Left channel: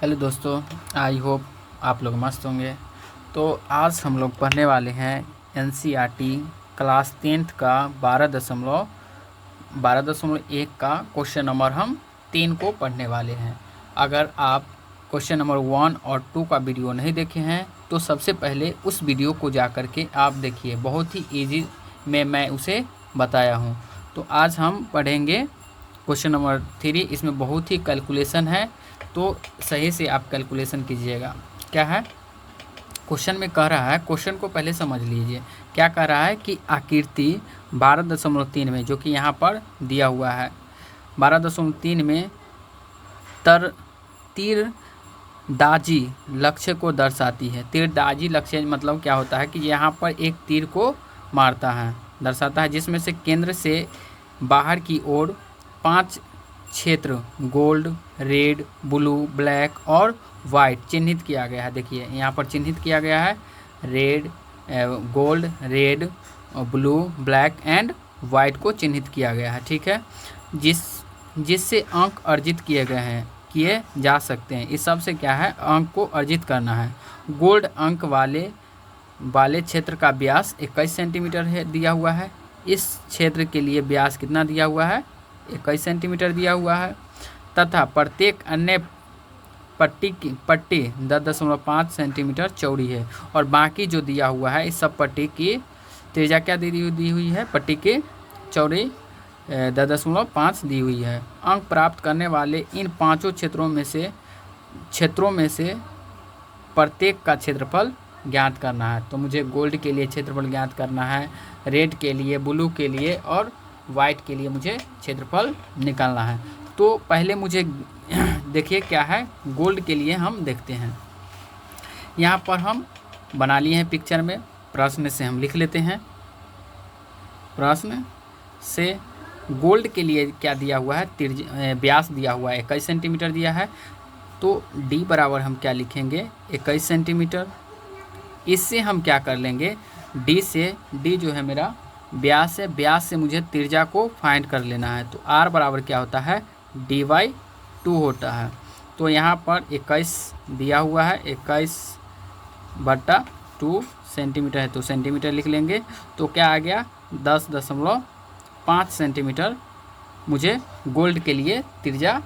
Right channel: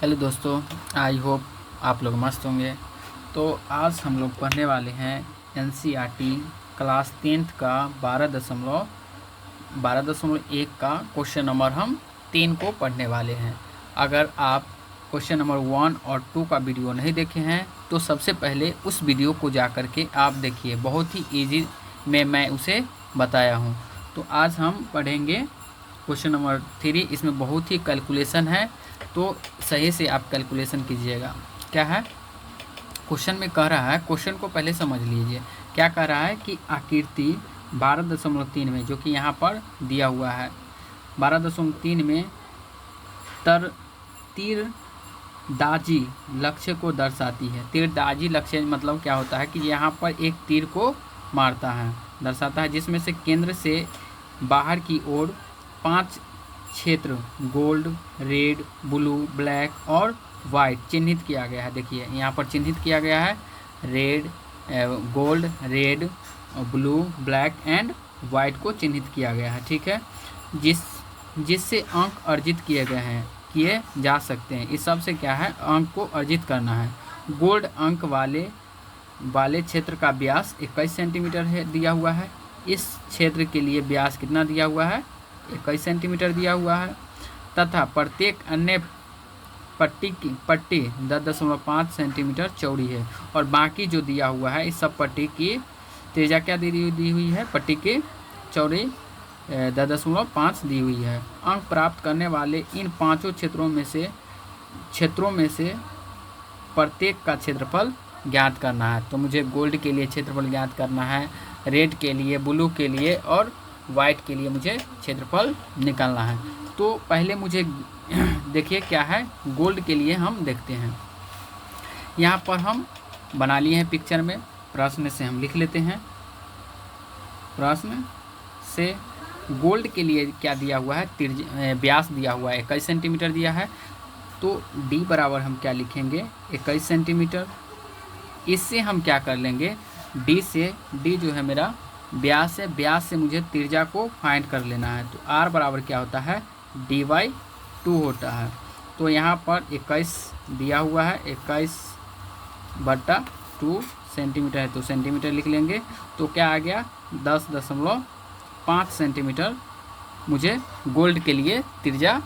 Hello दोस्तों, I hope आप लोग मस्त होंगे। तो आज हम लोग पढ़ने वाले हैं एनसीईआरटी क्लास 10th का 12.1 का क्वेश्चन नंबर हम 3 को पढ़ने वाले हैं। अगर आप क्वेश्चन नंबर 1 और 2 का वीडियो नहीं देखे हैं तो सबसे पहले उस वीडियो को जा कर के आप देखिए, बहुत ही ईजी में मैं उसे बताया हूँ। तो आज हम पढ़ेंगे क्वेश्चन नंबर 3। इसमें बहुत ही कैलकुलेशन है, तो सही से आप कैलकुलेशन कीजिएगा। क्या है क्वेश्चन में कह रहा है, क्वेश्चन को पहले समझ लीजिए। क्या कह रहा है कि आकृति 12.3 में, जो कि यहाँ पर दिया हुआ है 12.3 में तीरंदाजी लक्ष्य को दर्शाती है। तीरंदाजी लक्ष्य मतलब क्या होता है कि यहाँ पर एक तीर को मारता है, दर्शाता है, जिसमें से केंद्र से बाहर की ओर 5 क्षेत्र गोल्ड, रेड, ब्लू, ब्लैक और वाइट चिन्हित किया गया है। देखिए यहाँ पर चिन्हित किया गया है red, gold, red, blue, black and white को चिन्हित किया गया है। ठीक है, जिससे अंक अर्जित किए जा सकते हैं। इस सब से क्या है, अंक को अर्जित करना है। गोल्ड अंक वाले क्षेत्र का व्यास 21 सेंटीमीटर है दिया हुआ है। इस क्षेत्र के लिए व्यास कितना दिया हुआ है, 21 सेंटीमीटर दिया हुआ है। तथा प्रत्येक अन्य पट्टी 10.5 सेंटीमीटर चौड़ी है। और बाकी जो दिया हुआ है, इस सब पट्टी की त्रिज्या क्या दी हुई है, पट्टी की चौड़ी 10.5 दी हुई है। अंक प्राप्त करने वाले इन पांचों क्षेत्रों में से प्रत्येक का क्षेत्रफल ज्ञात करना है। तो मुझे गोल्ड के लिए क्षेत्रफल ज्ञात करना है, रेड के लिए, ब्लू के लिए और वाइट के लिए मुझे क्षेत्रफल निकालना है। तो पहले मुझे देखिए क्या है, गोल्ड के लिए हम देखते हैं। यहाँ पर हम बना लिए हैं पिक्चर में, प्रश्न से हम लिख लेते हैं। प्रश्न से गोल्ड के लिए क्या दिया हुआ है, व्यास दिया हुआ है 21 सेंटीमीटर दिया है। तो डी बराबर हम क्या लिखेंगे, 21 सेंटीमीटर। इससे हम क्या कर लेंगे, डी जो है मेरा व्यास है, व्यास से मुझे त्रिज्या को फाइंड कर लेना है। तो आर बराबर क्या होता है, D/2 होता है। तो यहाँ पर 21 दिया हुआ है, 21/2 सेंटीमीटर है, तो सेंटीमीटर लिख लेंगे। तो क्या आ गया, 10.5 सेंटीमीटर मुझे गोल्ड के लिए त्रिज्या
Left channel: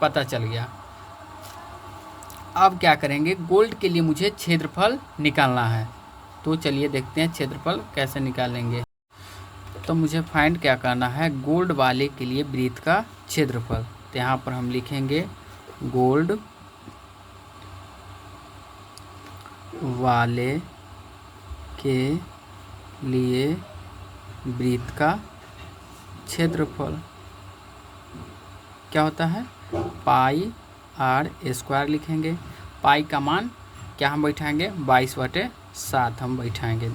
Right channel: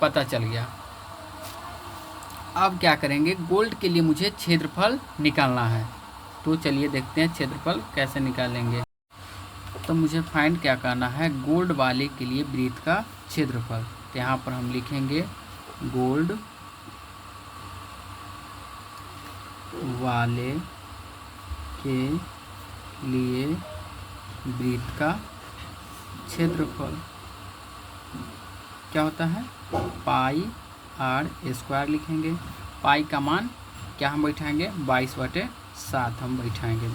पता चल गया। अब क्या करेंगे, गोल्ड के लिए मुझे क्षेत्रफल निकालना है। तो चलिए देखते हैं क्षेत्रफल कैसे निकालेंगे। तो मुझे फाइंड क्या करना है, गोल्ड वाले के लिए वृत्त का क्षेत्रफल। तो यहाँ पर हम लिखेंगे गोल्ड वाले के लिए वृत्त का क्षेत्रफल क्या होता है, πr² लिखेंगे। पाई का मान क्या हम बैठाएंगे, 22/7 हम बैठाएंगे।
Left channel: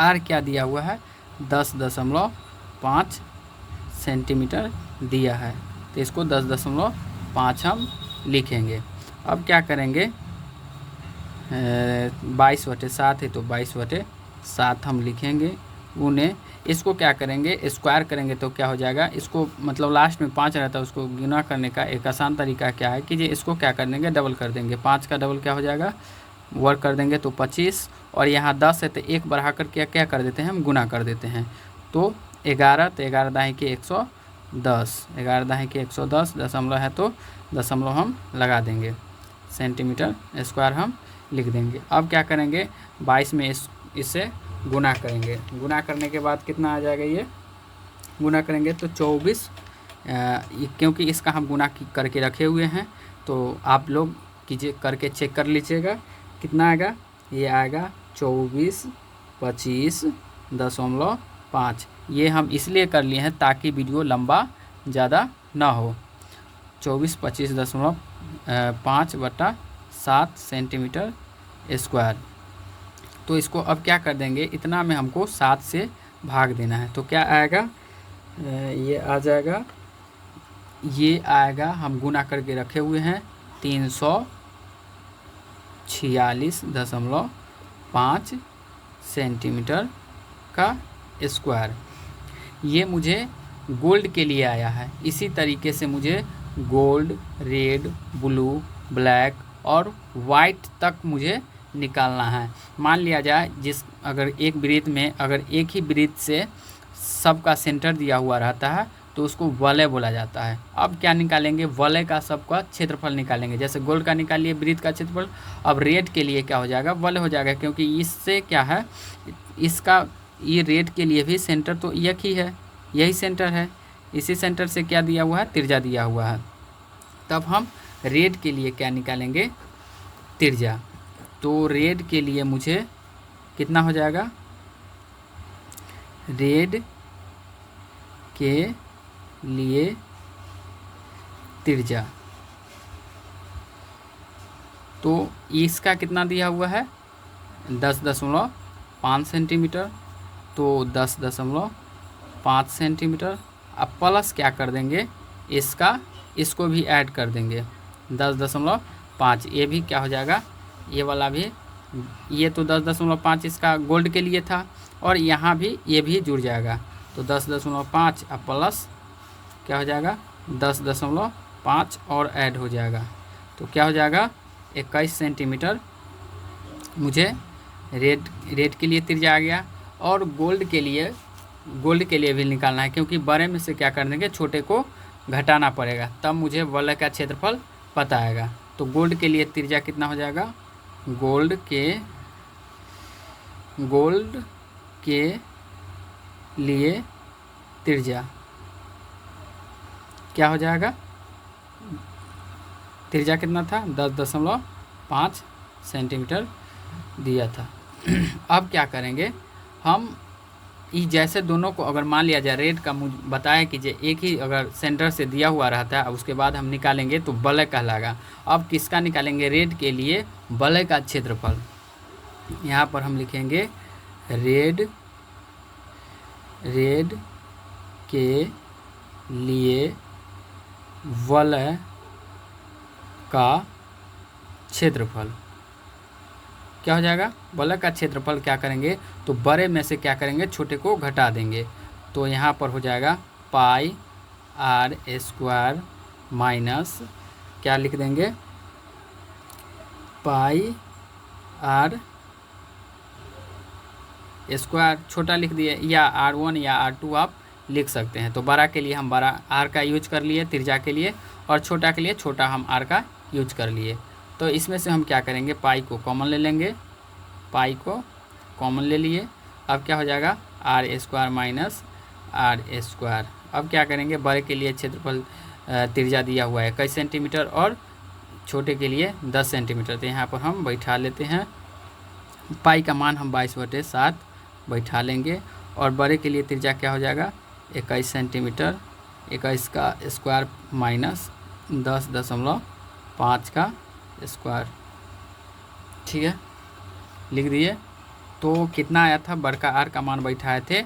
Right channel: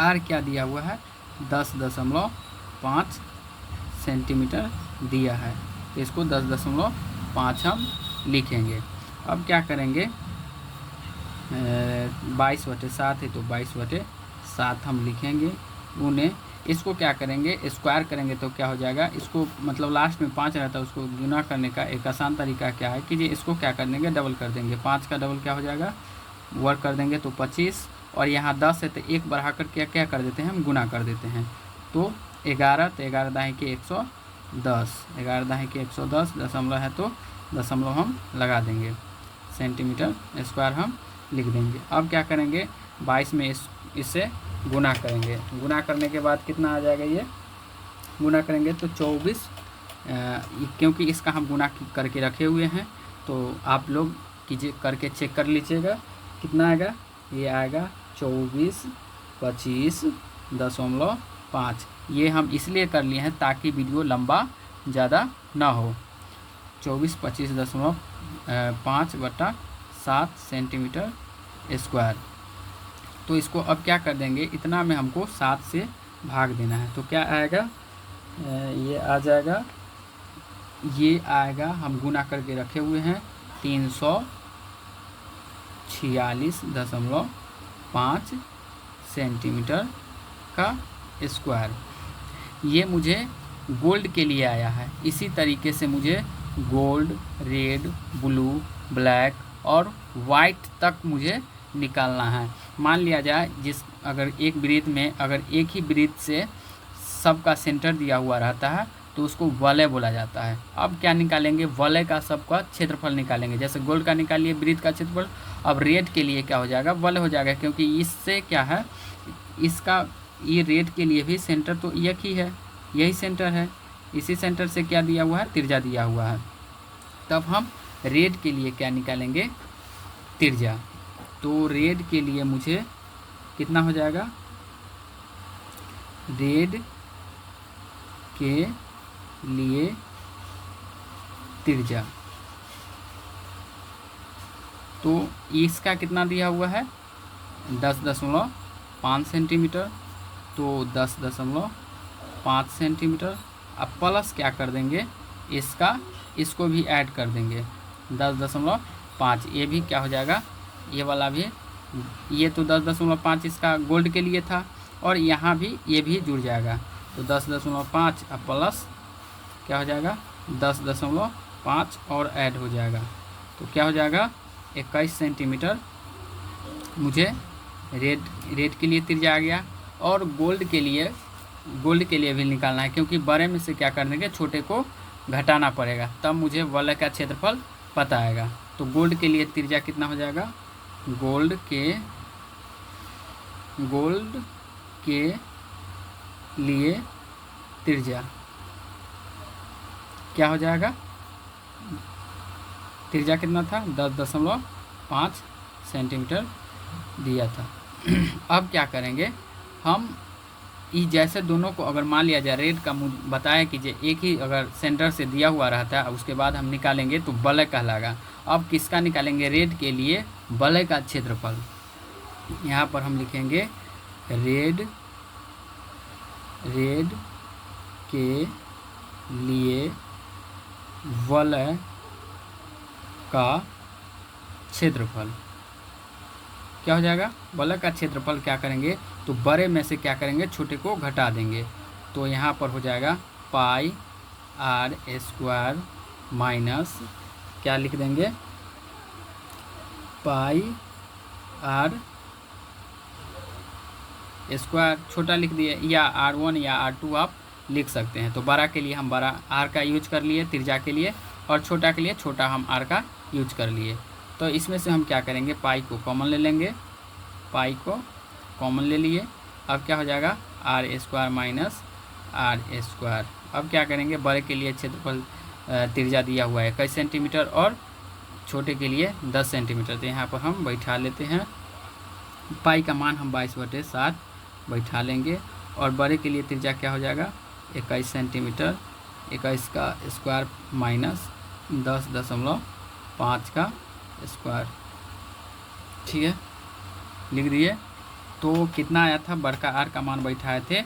आर क्या दिया हुआ है, 10.5 सेंटीमीटर दिया है, तो इसको 10.5 हम लिखेंगे। अब क्या करेंगे, 22/7 है तो 22/7 हम लिखेंगे। उन्हें इसको क्या करेंगे, स्क्वायर करेंगे तो क्या हो जाएगा, इसको मतलब लास्ट में 5 रहता है, उसको गुना करने का एक आसान तरीका क्या है कि जी इसको क्या कर देंगे, डबल कर देंगे। 5 का डबल क्या हो जाएगा, वर्क कर देंगे तो 25, और यहाँ 10 है तो 1 बढ़ा कर क्या कर देते हैं, हम गुना कर देते हैं। तो 11, तो 11 दाएँ के 110, 11 दाएँ के 110, दशमलव है तो दशमलव हम लगा देंगे, सेंटीमीटर स्क्वायर हम लिख देंगे। अब क्या करेंगे, 22 में इससे गुना करेंगे। गुना करने के बाद कितना आ जाएगा, ये गुना करेंगे तो 24, क्योंकि इसका हम गुना करके रखे हुए हैं, तो आप लोग कीजिए, करके चेक कर लीजिएगा कितना आएगा। ये आएगा 24/25.5। ये हम इसलिए कर लिए हैं ताकि वीडियो लंबा ज़्यादा ना हो। 24/25.5/7 सेंटीमीटर स्क्वायर। तो इसको अब क्या कर देंगे, इतना में हमको 7 से भाग देना है। तो क्या आएगा, ये आएगा, हम गुना करके रखे हुए हैं 346.5 सेंटीमीटर का स्क्वायर। ये मुझे गोल्ड के लिए आया है। इसी तरीके से मुझे गोल्ड, रेड, ब्लू, ब्लैक और वाइट तक मुझे निकालना है। मान लिया जाए अगर एक वृत्त में अगर एक ही वृत्त से सबका सेंटर दिया हुआ रहता है तो उसको वलय बोला जाता है। अब क्या निकालेंगे, वलय का सबका क्षेत्रफल निकालेंगे। जैसे गोल्ड का निकालिए वृत्त का क्षेत्रफल, अब रेड के लिए क्या हो जाएगा, वलय हो जाएगा, क्योंकि इससे क्या है, इसका ये रेड के लिए भी सेंटर तो एक ही है, यही सेंटर है, इसी सेंटर से क्या दिया हुआ है, त्रिज्या दिया हुआ है। तब हम रेड के लिए क्या निकालेंगे, त्रिज्या। तो रेड के लिए मुझे कितना हो जाएगा, रेड के लिए त्रिज्या, तो इसका कितना दिया हुआ है, 10.5 सेंटीमीटर, तो 10.5 सेंटीमीटर। अब प्लस क्या कर देंगे, इसको भी ऐड कर देंगे 10.5, ये भी क्या हो जाएगा, ये वाला भी, ये तो 10.5 इसका गोल्ड के लिए था, और यहाँ भी ये भी जुड़ जाएगा, तो 10.5 अब प्लस क्या हो जाएगा, 10.5 और ऐड हो जाएगा, तो क्या हो जाएगा, 21 सेंटीमीटर मुझे रेड के लिए त्रिज्या आ गया। और गोल्ड के लिए भी निकालना है, क्योंकि बड़े में से क्या कर देंगे, छोटे को घटाना पड़ेगा, तब मुझे वलय का क्षेत्रफल पता आएगा। तो गोल्ड के लिए त्रिज्या कितना हो जाएगा, गोल्ड के लिए त्रिज्या क्या हो जाएगा, त्रिज्या कितना था, 10.5 सेंटीमीटर दिया था। अब क्या करेंगे हम, जैसे दोनों को अगर मान लिया जाए, रेड का मुझे बताया कि एक ही अगर सेंटर से दिया हुआ रहता है, उसके बाद हम निकालेंगे तो वलय कहलाएगा। अब किसका निकालेंगे, रेड के लिए वलय का क्षेत्रफल। यहाँ पर हम लिखेंगे रेड के लिए वलय का क्षेत्रफल क्या हो जाएगा, वलय का क्षेत्रफल क्या करेंगे, तो बड़े में से क्या करेंगे, छोटे को घटा देंगे, तो यहाँ पर हो जाएगा पाई आर स्क्वायर माइनस क्या लिख देंगे, पाई आर स्क्वायर छोटा लिख दिए, या R1 या R2 आप लिख सकते हैं। तो बड़ा के लिए हम बड़ा R का यूज कर लिए त्रिज्या के लिए, और छोटा के लिए छोटा हम R का यूज कर लिए। तो इसमें से हम क्या करेंगे, पाई को कॉमन ले लेंगे, पाई को कॉमन ले लिए, अब क्या हो जाएगा, R square minus R square. अब क्या करेंगे, बड़े के लिए क्षेत्रफल त्रिज्या दिया हुआ है 21 सेंटीमीटर और छोटे के लिए 10 सेंटीमीटर, तो यहाँ पर हम बैठा लेते हैं, पाई का मान हम 22/7 बैठा लेंगे, और बड़े के लिए त्रिज्या क्या हो जाएगा, 21 सेंटीमीटर, 21 का स्क्वायर माइनस 10.5 का स्क्वायर, ठीक है, लिख दिए। तो कितना आया था, बड़का आर का मान बैठाए थे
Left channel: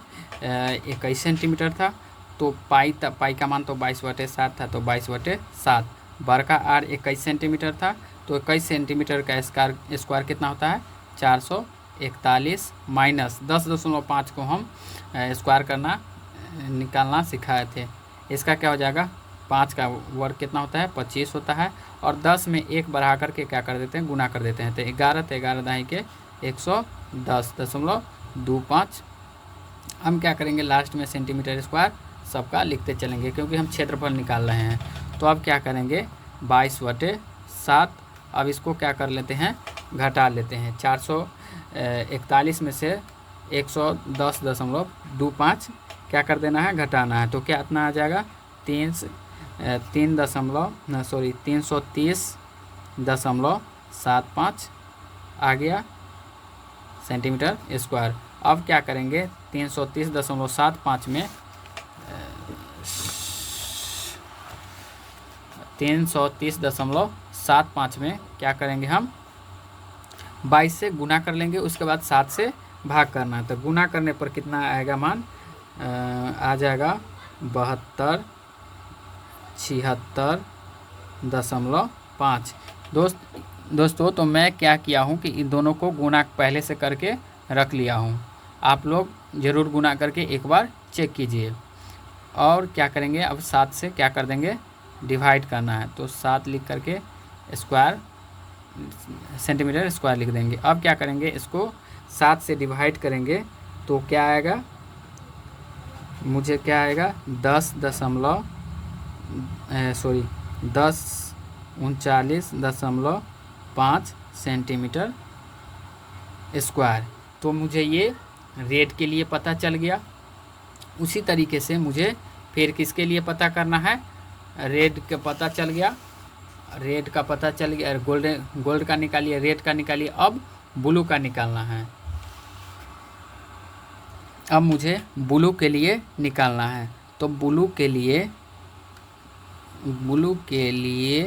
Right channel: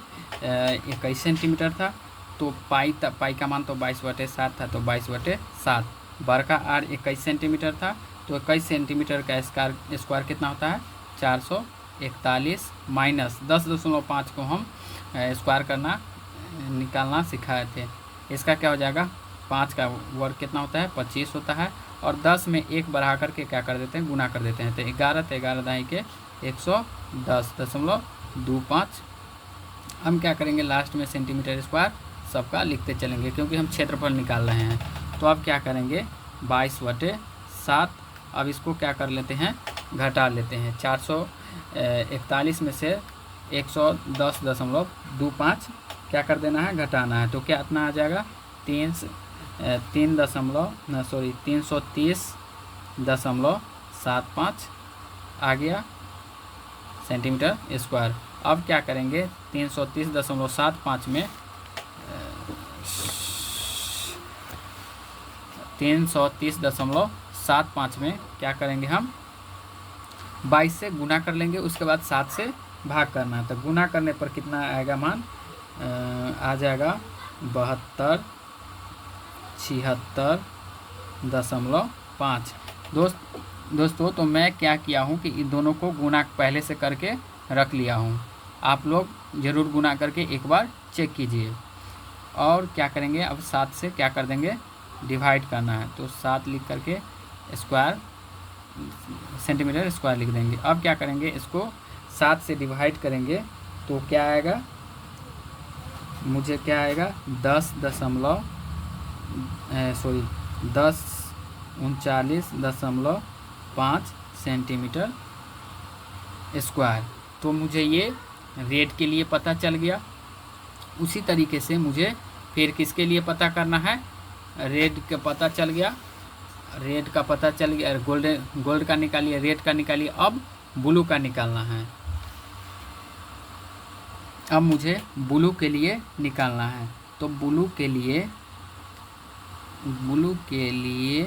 21 सेंटीमीटर था, तो पाई का मान तो 22/7 था, तो 22/7, बड़का आर 21 सेंटीमीटर था, तो 21 सेंटीमीटर का स्क्वायर कितना होता है, 441 माइनस 10.5 को हम स्क्वायर करना निकालना सिखाए थे, इसका क्या हो जाएगा, 5 का वर्ग कितना होता है, 25 होता है, और 10 में 1 बढ़ा करके क्या कर देते हैं, गुना कर देते हैं, तो 11 दाई के 110.25। हम क्या करेंगे, लास्ट में सेंटीमीटर स्क्वायर सबका लिखते चलेंगे, क्योंकि हम क्षेत्रफल निकाल रहे हैं। तो अब क्या करेंगे, 22/7, अब इसको क्या कर लेते हैं, घटा लेते हैं, 441 में से 110.25 क्या कर देना है, घटाना है, तो क्या इतना आ जाएगा, 330.75 आ गया सेंटीमीटर स्क्वायर। अब क्या करेंगे, 330.75 में 330.75 में क्या करेंगे, हम 22 से गुना कर लेंगे, उसके बाद 7 से भाग करना है, तो गुना करने पर कितना आएगा मान, आ जाएगा 72.76.5। दोस्तों तो मैं क्या किया हूँ कि इन दोनों को गुना पहले से करके रख लिया हूँ, आप लोग ज़रूर गुना करके एक बार चेक कीजिए। और क्या करेंगे, अब 7 से क्या कर देंगे, डिवाइड करना है, तो 7 लिख करके स्क्वायर सेंटीमीटर स्क्वायर लिख देंगे। अब क्या करेंगे, इसको 7 से डिवाइड करेंगे तो क्या आएगा, मुझे क्या आएगा 10.39.5 सेंटीमीटर स्क्वायर। तो मुझे ये रेट के लिए पता चल गया। उसी तरीके से मुझे फिर किसके लिए पता करना है, रेड का पता चल गया, रेड का पता चल गया, गोल्ड का निकालिए, रेड का निकालिए। अब ब्लू का निकालना है। अब मुझे ब्लू के लिए निकालना है, तो ब्लू के लिए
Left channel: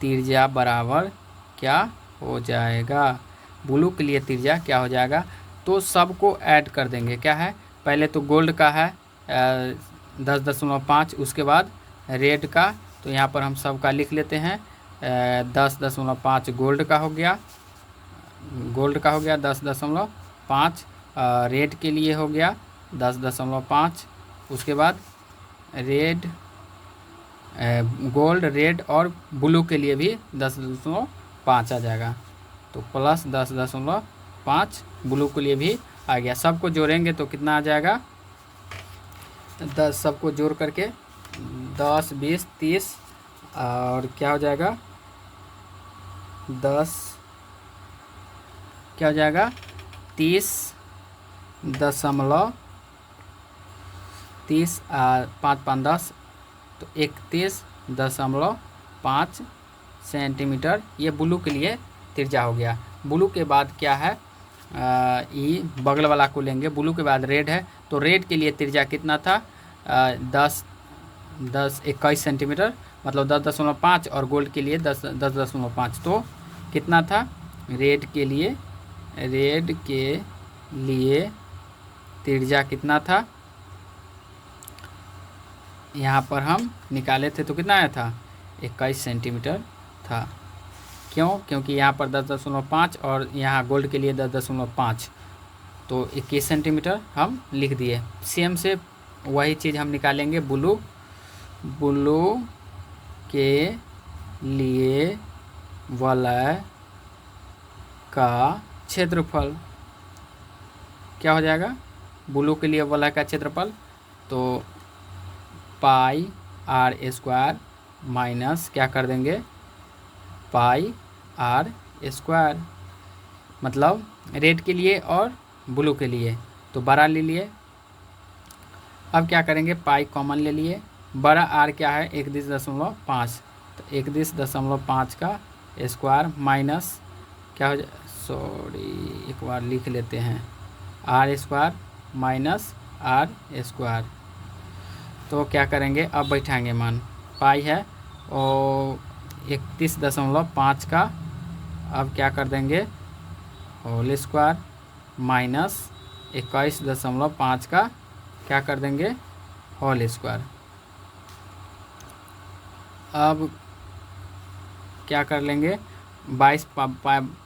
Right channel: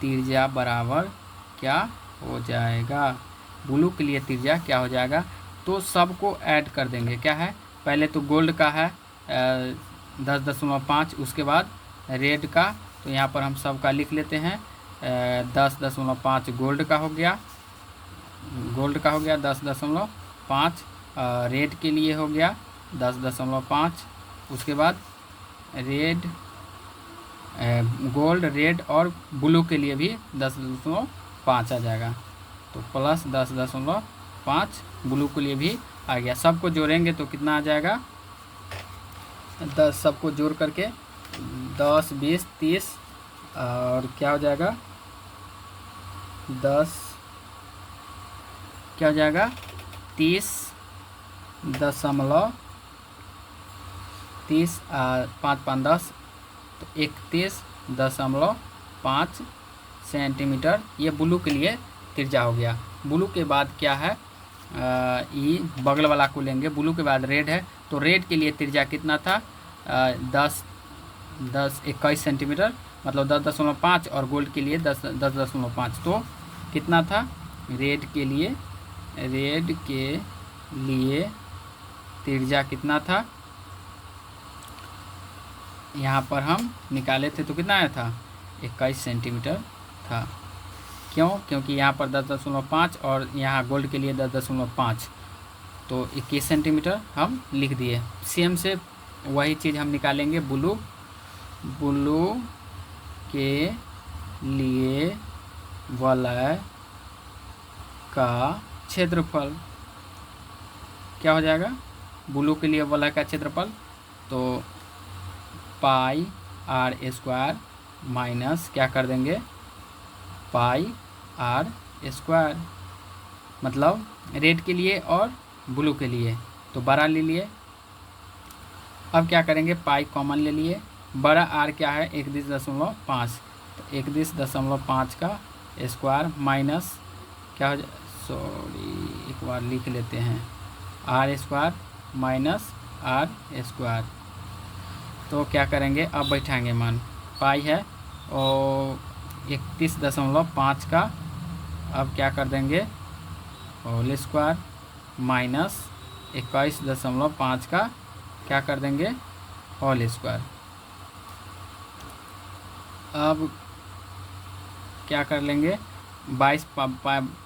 त्रिज्या बराबर क्या हो जाएगा, ब्लू के लिए त्रिज्या क्या हो जाएगा, तो सबको ऐड कर देंगे। क्या है, पहले तो गोल्ड का है 10.5, उसके बाद रेड का, तो यहाँ पर हम सबका लिख लेते हैं 10.5 गोल्ड का हो गया, 10.5, रेड के लिए हो गया 10.5, उसके बाद गोल्ड, रेड और ब्लू के लिए भी 10.5 आ जाएगा, तो प्लस 10.5 ब्लू के लिए भी आ गया। सबको जोड़ेंगे तो कितना आ जाएगा, 10 सबको जोड़ करके 10, 20, 30 और क्या हो जाएगा 10, क्या हो जाएगा 30.30 5 5 10, तो 31.5 सेंटीमीटर ये ब्लू के लिए त्रिज्या हो गया। ब्लू के बाद क्या है, ये बगल वाला को लेंगे, ब्लू के बाद रेड है, तो रेड के लिए त्रिज्या कितना था 21 सेंटीमीटर, मतलब 10.5, और गोल्ड के लिए 10.5, तो कितना था रेड के लिए त्रिज्या कितना था, यहाँ पर हम निकाले थे तो कितना आया था 21 सेंटीमीटर था। क्यों, क्योंकि यहाँ पर 10.5 और यहाँ गोल्ड के लिए 10.5, तो 21 सेंटीमीटर हम लिख दिए। सेम से वही चीज़ हम निकालेंगे ब्लू के लिए वलय का क्षेत्रफल क्या हो जाएगा, ब्लू के लिए वलय का क्षेत्रफल, तो पाई आर स्क्वायर माइनस क्या कर देंगे पाई आर स्क्वायर, मतलब रेड के लिए और ब्लू के लिए, तो बड़ा ले लिए। अब क्या करेंगे, पाई कॉमन ले लिए, बड़ा आर क्या है 31.5, तो 31.5 का स्क्वायर माइनस क्या हो जाए, सॉरी एक बार लिख लेते हैं, r square minus r square, तो क्या करेंगे अब बैठाएंगे मान, पाई है और 31.5 का, अब क्या कर देंगे होल स्क्वायर माइनस 21.5 का क्या कर देंगे होल स्क्वायर। अब क्या कर लेंगे 22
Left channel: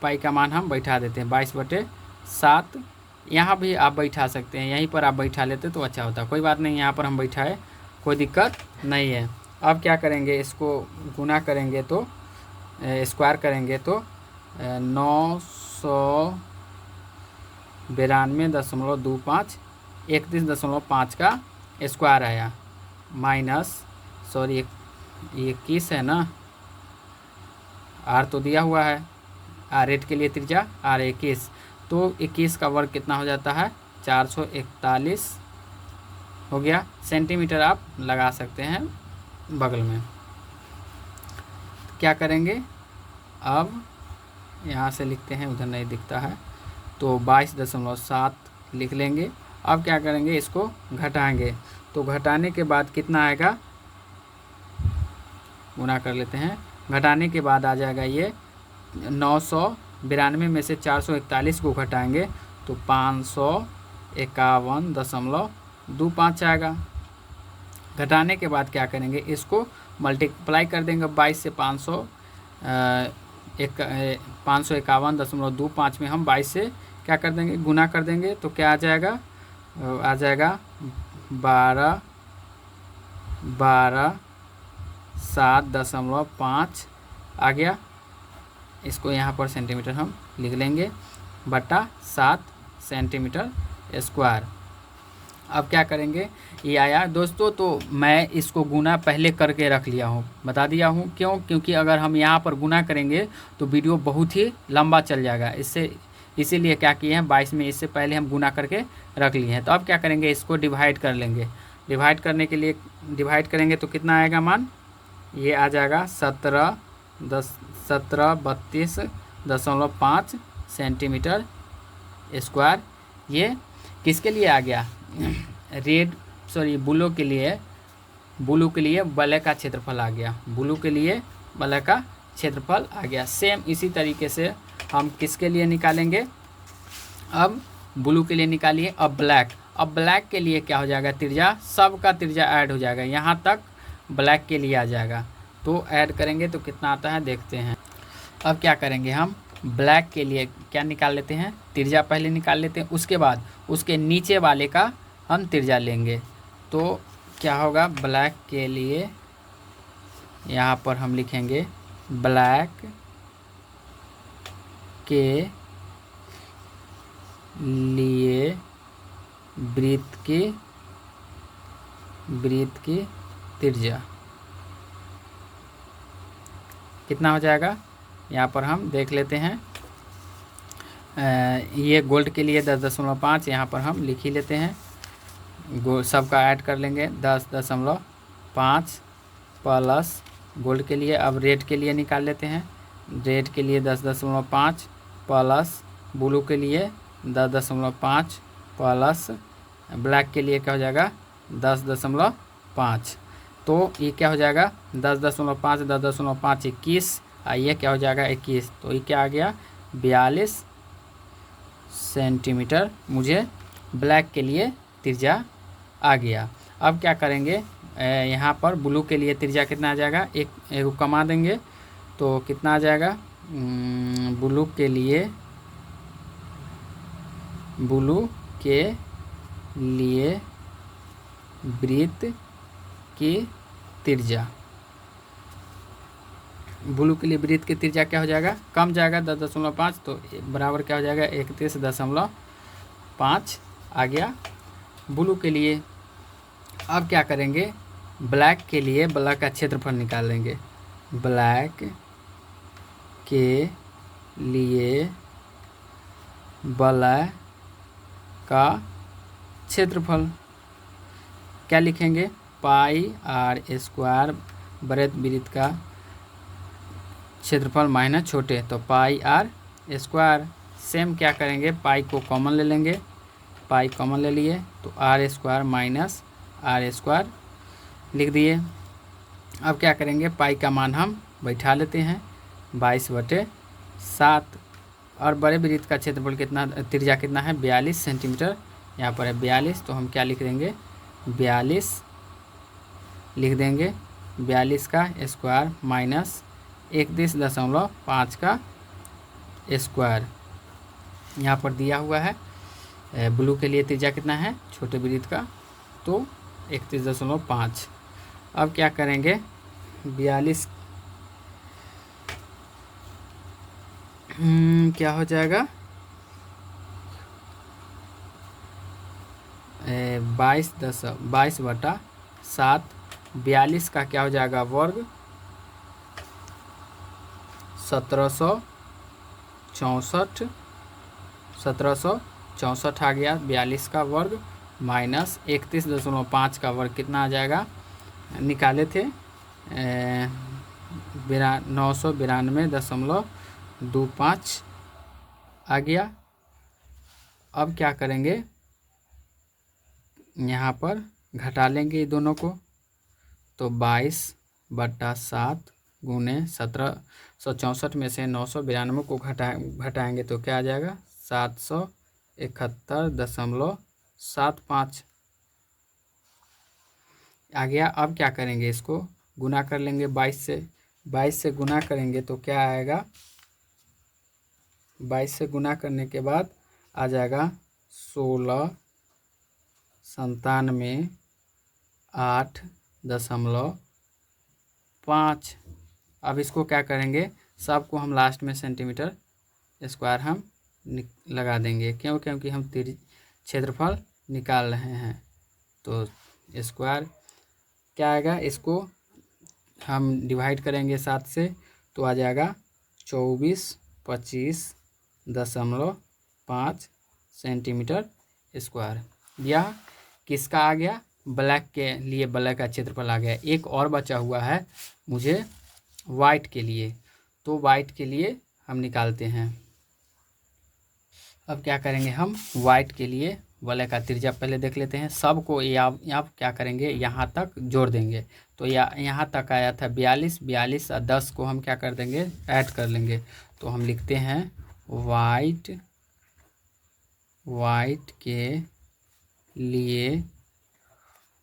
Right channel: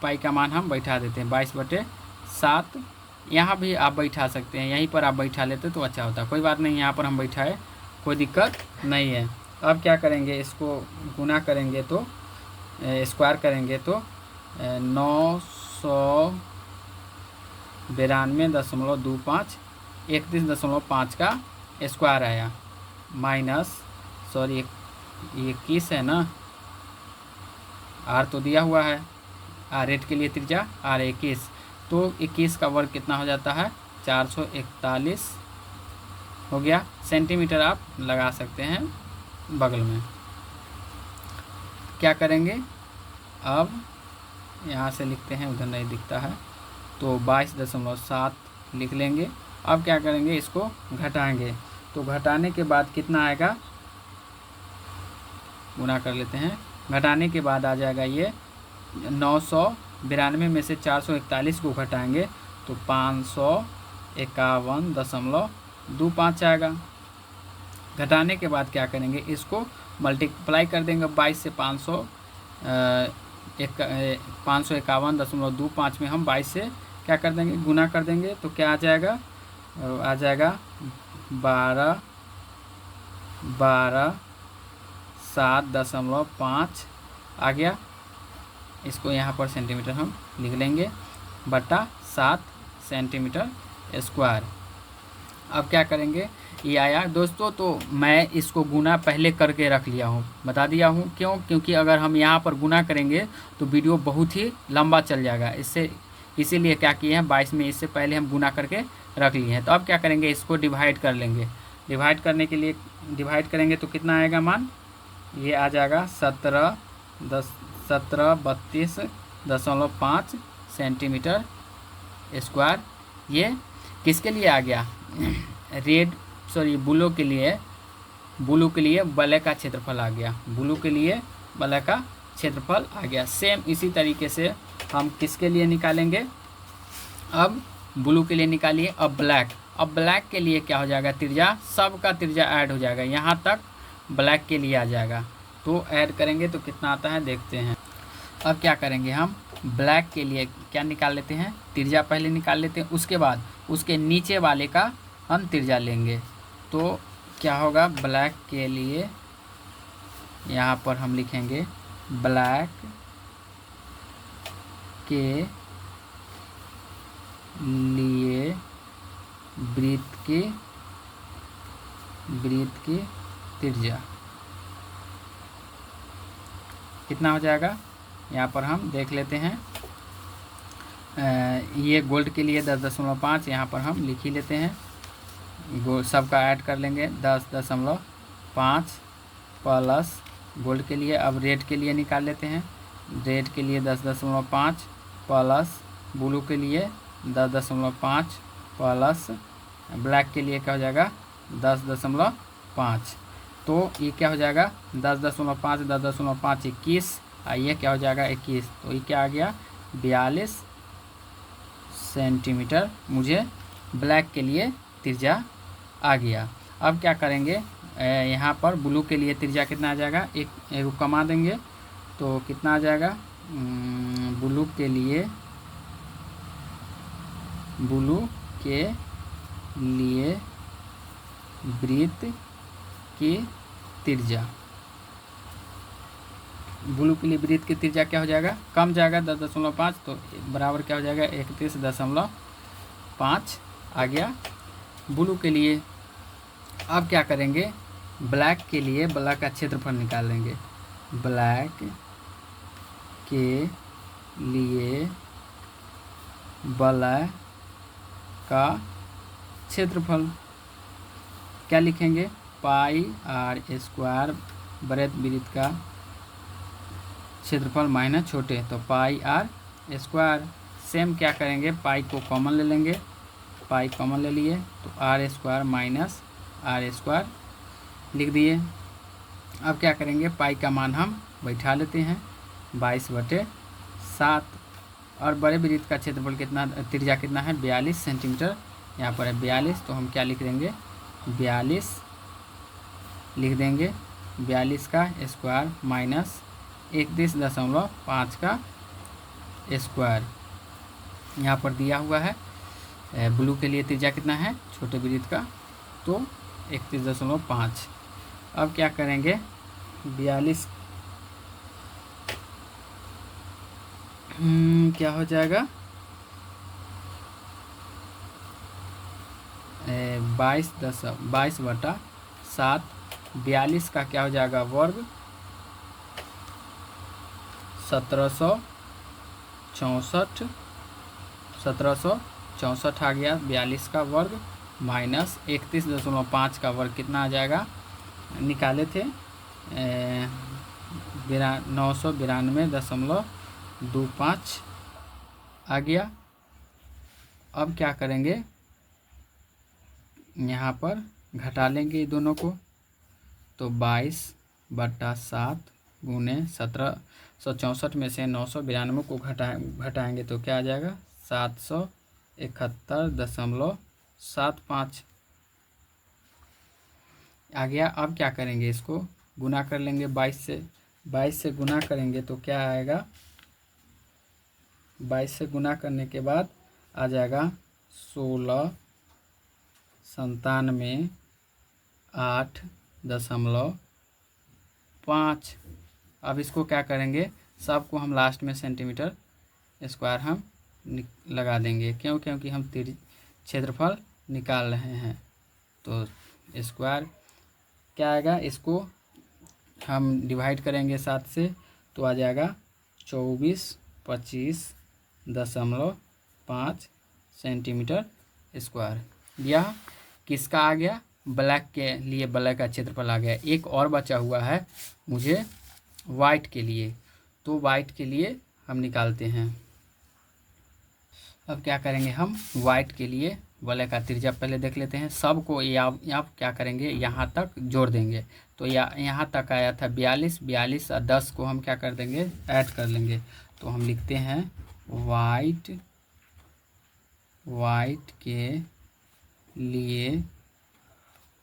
पाई का मान हम बैठा देते हैं 22/7, यहाँ भी आप बैठा सकते हैं, यहीं पर आप बैठा लेते तो अच्छा होता, कोई बात नहीं, यहाँ पर हम बैठाए कोई दिक्कत नहीं है। अब क्या करेंगे, इसको गुना करेंगे तो स्क्वायर करेंगे तो 992.25 31.5 का स्क्वायर आया, माइनस सॉरी 21 है ना, आर तो दिया हुआ है, आर रेट के लिए त्रिज्या आर 21, तो 21 का वर्ग कितना हो जाता है 441 हो गया। सेंटीमीटर आप लगा सकते हैं बगल में। क्या करेंगे, अब यहाँ से लिखते हैं, उधर नहीं दिखता है, तो 22.7 लिख लेंगे। अब क्या करेंगे, इसको घटाएंगे, तो घटाने के बाद कितना आएगा, गुना कर लेते हैं, घटाने के बाद आ जाएगा ये 992 में से 441 को घटाएंगे तो 551.25 आएगा। घटाने के बाद क्या करेंगे, इसको मल्टीप्लाई कर देंगे 22 से 551.25 में हम 22 से क्या कर देंगे गुना कर देंगे, तो क्या आ जाएगा 12 7.5 आ गया। इसको यहाँ पर सेंटीमीटर हम लिख लेंगे, बटा 7 सेंटीमीटर स्क्वायर। अब क्या करेंगे, ये आया दोस्तों। तो मैं इसको गुना पहले करके रख लिया हूँ, बता दिया हूँ क्यों, क्योंकि अगर हम यहाँ पर गुना करेंगे तो वीडियो बहुत ही लंबा चल जाएगा। इसीलिए क्या किए हैं 22 में, इससे पहले हम गुना करके रख लिए हैं। तो अब क्या करेंगे, इसको डिवाइड कर लेंगे। डिवाइड करने के लिए डिवाइड करेंगे तो कितना आएगा मान, ये आ जाएगा 1732.5 सेंटीमीटर स्क्वायर। ये किसके लिए आ गया, ब्लू के लिए ब्लैक का क्षेत्रफल आ गया। ब्लू के लिए ब्लैक का क्षेत्रफल आ गया। सेम इसी तरीके से हम किसके लिए निकालेंगे, अब ब्लू के लिए निकालिए। अब ब्लैक के लिए क्या हो जाएगा, त्रिज्या, सबका त्रिज्या ऐड हो जाएगा, यहाँ तक ब्लैक के लिए आ जाएगा। तो ऐड करेंगे तो कितना आता है देखते हैं। अब क्या करेंगे, हम ब्लैक के लिए क्या निकाल लेते हैं, त्रिज्या पहले निकाल लेते हैं, उसके बाद उसके नीचे वाले का हम त्रिज्या लेंगे। तो क्या होगा, ब्लैक के लिए यहाँ पर हम लिखेंगे ब्लैक के लिए वृत्त की त्रिज्या कितना हो जाएगा, यहाँ पर हम देख लेते हैं। ये गोल्ड के लिए 10.5, यहाँ पर हम लिख ही लेते हैं। सबका ऐड कर लेंगे 10.5 प्लस गोल्ड के लिए। अब रेड के लिए निकाल लेते हैं। रेड के लिए 10.5 प्लस ब्लू के लिए 10.5 प्लस ब्लैक के लिए क्या हो जाएगा 10.5। तो ये क्या हो जाएगा 10.5 10.5 21, ये क्या हो जाएगा 21। तो ये क्या आ गया 42 सेंटीमीटर मुझे ब्लैक के लिए त्रिज्या आ गया। अब क्या करेंगे, यहाँ पर ब्लू के लिए त्रिज्या कितना आ जाएगा, एक कमा देंगे तो कितना आ जाएगा, ब्लू के लिए वृत्त की त्रिज्या, ब्लू के लिए वृत्त की त्रिज्या क्या हो जाएगा, कम जाएगा 10.5, तो बराबर क्या हो जाएगा 31.5 आ गया ब्लू के लिए। अब क्या करेंगे, ब्लैक के लिए ब्लैक का क्षेत्रफल निकाल लेंगे। ब्लैक के लिए ब्लैक का क्षेत्रफल क्या लिखेंगे, पाई आर स्क्वायर बृहत वृत्त का क्षेत्रफल माइनस छोटे, तो पाई आर स्क्वायर। सेम क्या करेंगे, पाई को कॉमन ले लेंगे, पाई कॉमन ले लिए तो r square minus r square लिख दिए। अब क्या करेंगे, पाई का मान हम बैठा लेते हैं 22/7। और बड़े वृत्त का क्षेत्रफल कितना, त्रिज्या कितना है 42 सेंटीमीटर, यहाँ पर है 42, तो हम क्या लिख देंगे 42 लिख देंगे, 42 का स्क्वायर माइनस 31.5 का स्क्वायर यहाँ पर दिया हुआ है। ब्लू के लिए त्रिज्या कितना है छोटे वृत्त का, तो 31.5। अब क्या करेंगे 42 क्या हो जाएगा 22/7, 42 का क्या हो जाएगा वर्ग 1764 आ गया 42 का वर्ग माइनस 31.5 का वर्ग कितना आ जाएगा, निकाले थे 992.25 आ गया। अब क्या करेंगे, यहाँ पर घटा लेंगे ये दोनों को, तो 22/7 गुने 1764 में से 992 को घटाएंगे तो क्या आ जाएगा 771.75 आ गया। अब क्या करेंगे, इसको गुना कर लेंगे 22 से गुना करेंगे तो क्या आएगा, 22 से गुना करने के बाद आ जाएगा 1697.8 5। अब इसको क्या करेंगे, सबको हम लास्ट में सेंटीमीटर स्क्वायर हम लगा देंगे। क्योंकि हम क्षेत्रफल निकाल रहे हैं। तो स्क्वायर क्या आएगा, इसको हम डिवाइड करेंगे 7 से तो आ जाएगा 24.25.5 सेंटीमीटर स्क्वायर। यह किसका आ गया, ब्लैक के लिए ब्लैक का क्षेत्रफल आ गया। एक और बचा हुआ है मुझे वाइट के लिए, तो वाइट के लिए हम निकालते हैं। अब क्या करेंगे, हम वाइट के लिए ब्लैक का त्रिज्या पहले देख लेते हैं। सबको यहाँ क्या करेंगे, यहाँ तक जोड़ देंगे। तो यहाँ तक आया था 42 और 10 को हम क्या कर देंगे, ऐड कर लेंगे। तो हम लिखते हैं वाइट के लिए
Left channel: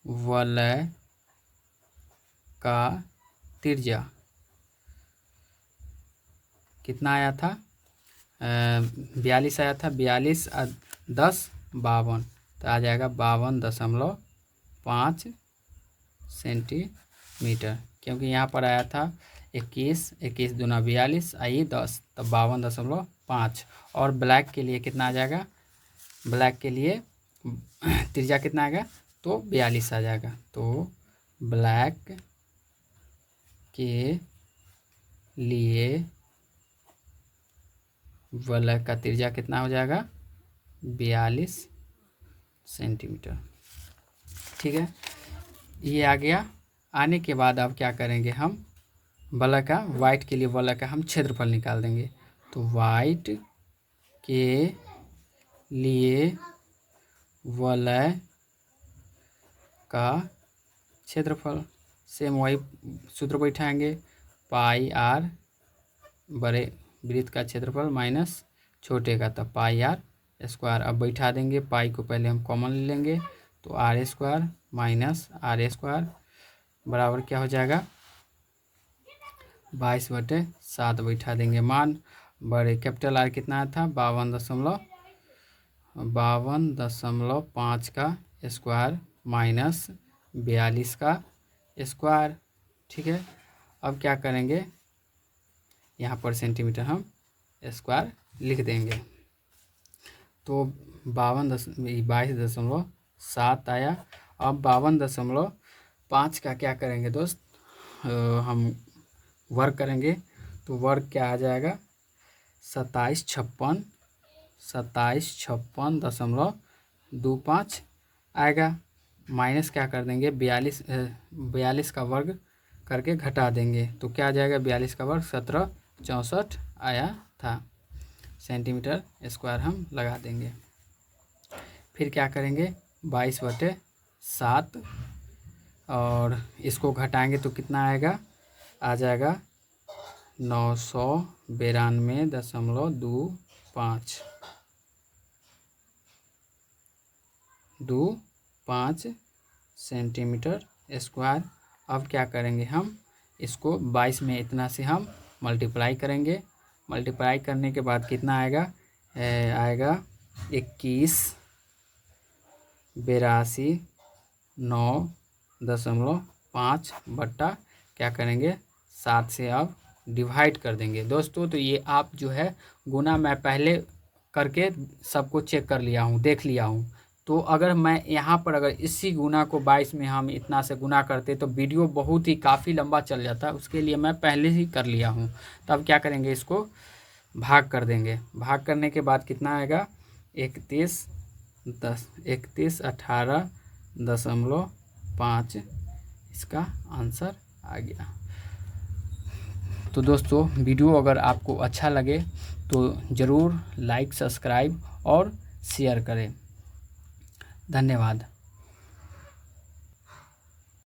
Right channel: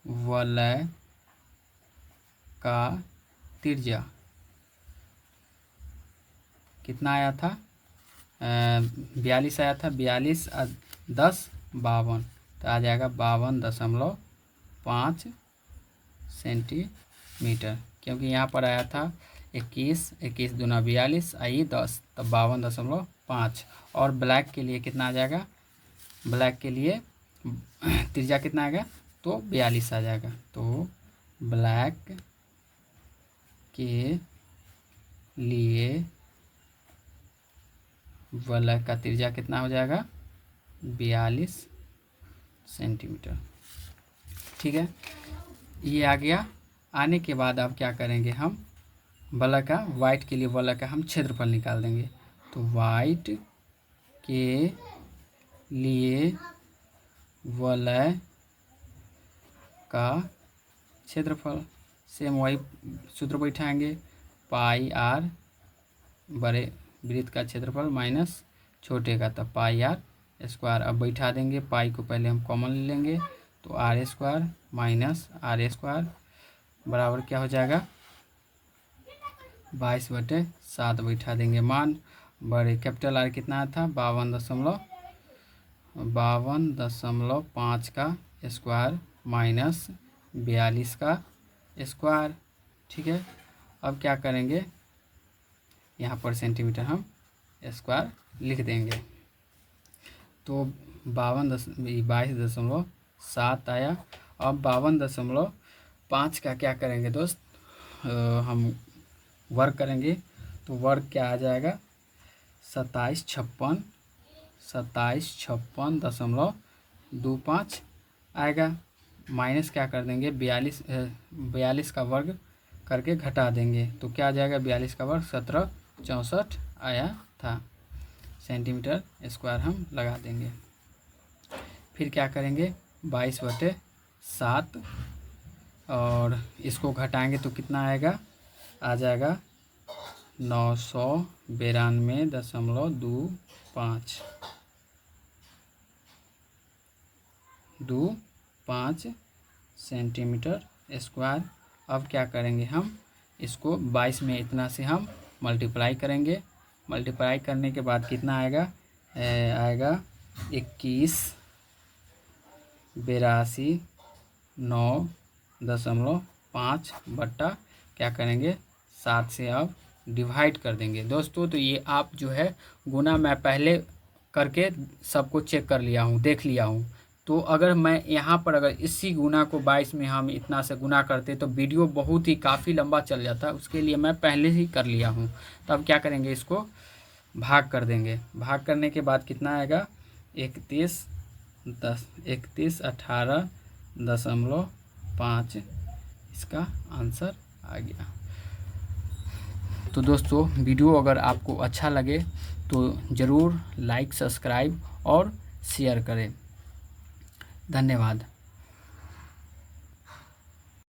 वलय का त्रिज्या कितना आया था, 42 आया था। 42 और 10 52, तो आ जाएगा 52.5 सेंटीमीटर। क्योंकि यहाँ पर आया था 21 दूना 42 आई 10, तो 52.5। और ब्लैक के लिए कितना आ जाएगा, ब्लैक के लिए त्रिज्या कितना आएगा, तो 42 आ जाएगा। तो ब्लैक के लिए वलय का त्रिज्या कितना हो जाएगा, 42 सेंटीमीटर। ठीक है, ये आ गया। आने के बाद अब क्या करेंगे, हम वलय का, वाइट के लिए वलय का हम क्षेत्रफल निकाल देंगे। तो वाइट के लिए वलय का क्षेत्रफल, सेम वही सूत्र बैठाएंगे, पाई आर बड़े वृत्त का क्षेत्रफल माइनस छोटे का, तब पाई आर स्क्वायर। अब बैठा देंगे, पाई को पहले हम कॉमन ले लेंगे, तो r square minus r square बराबर क्या हो जाएगा, 22/7 बैठा देंगे। मान बड़े कैपिटल आर कितना था, 52.5 का स्क्वायर माइनस 42 का स्क्वायर। ठीक है, अब क्या करेंगे, यहाँ पर सेंटीमीटर हम स्क्वायर लिख देंगे। तो 22.7 आया। अब 52.5 का क्या करेंगे दोस्त, हम वर्ग करेंगे। तो वर्ग क्या आ जाएगा, 2756.25 आएगा। माइनस क्या कर देंगे, 42 का वर्ग करके घटा देंगे। तो क्या आ जाएगा, 42 का वर्ग 1764 आया था सेंटीमीटर स्क्वायर हम लगा देंगे। फिर क्या करेंगे, 22/7 और इसको घटाएंगे तो कितना आएगा, आ जाएगा 992.25 सेंटीमीटर स्क्वायर। अब क्या करेंगे, हम इसको 22 में इतना से हम मल्टीप्लाई करेंगे। मल्टीप्लाई करने के बाद कितना आएगा, आएगा 21.82.9.5 बट्टा क्या करेंगे, 7 से अब डिवाइड कर देंगे दोस्तों। तो ये आप जो है गुना मैं पहले करके सबको चेक कर लिया हूँ, देख लिया हूँ। तो अगर मैं यहाँ पर अगर इसी गुना को 22 में हम इतना से गुना करते तो वीडियो बहुत ही काफ़ी लंबा चल जाता, उसके लिए मैं पहले ही कर लिया हूँ। तब क्या करेंगे, इसको भाग कर देंगे। भाग करने के बाद कितना आएगा, 31.18.5 इसका आंसर आ गया। तो दोस्तों वीडियो अगर आपको अच्छा लगे तो ज़रूर लाइक, सब्सक्राइब और शेयर करें। धन्यवाद।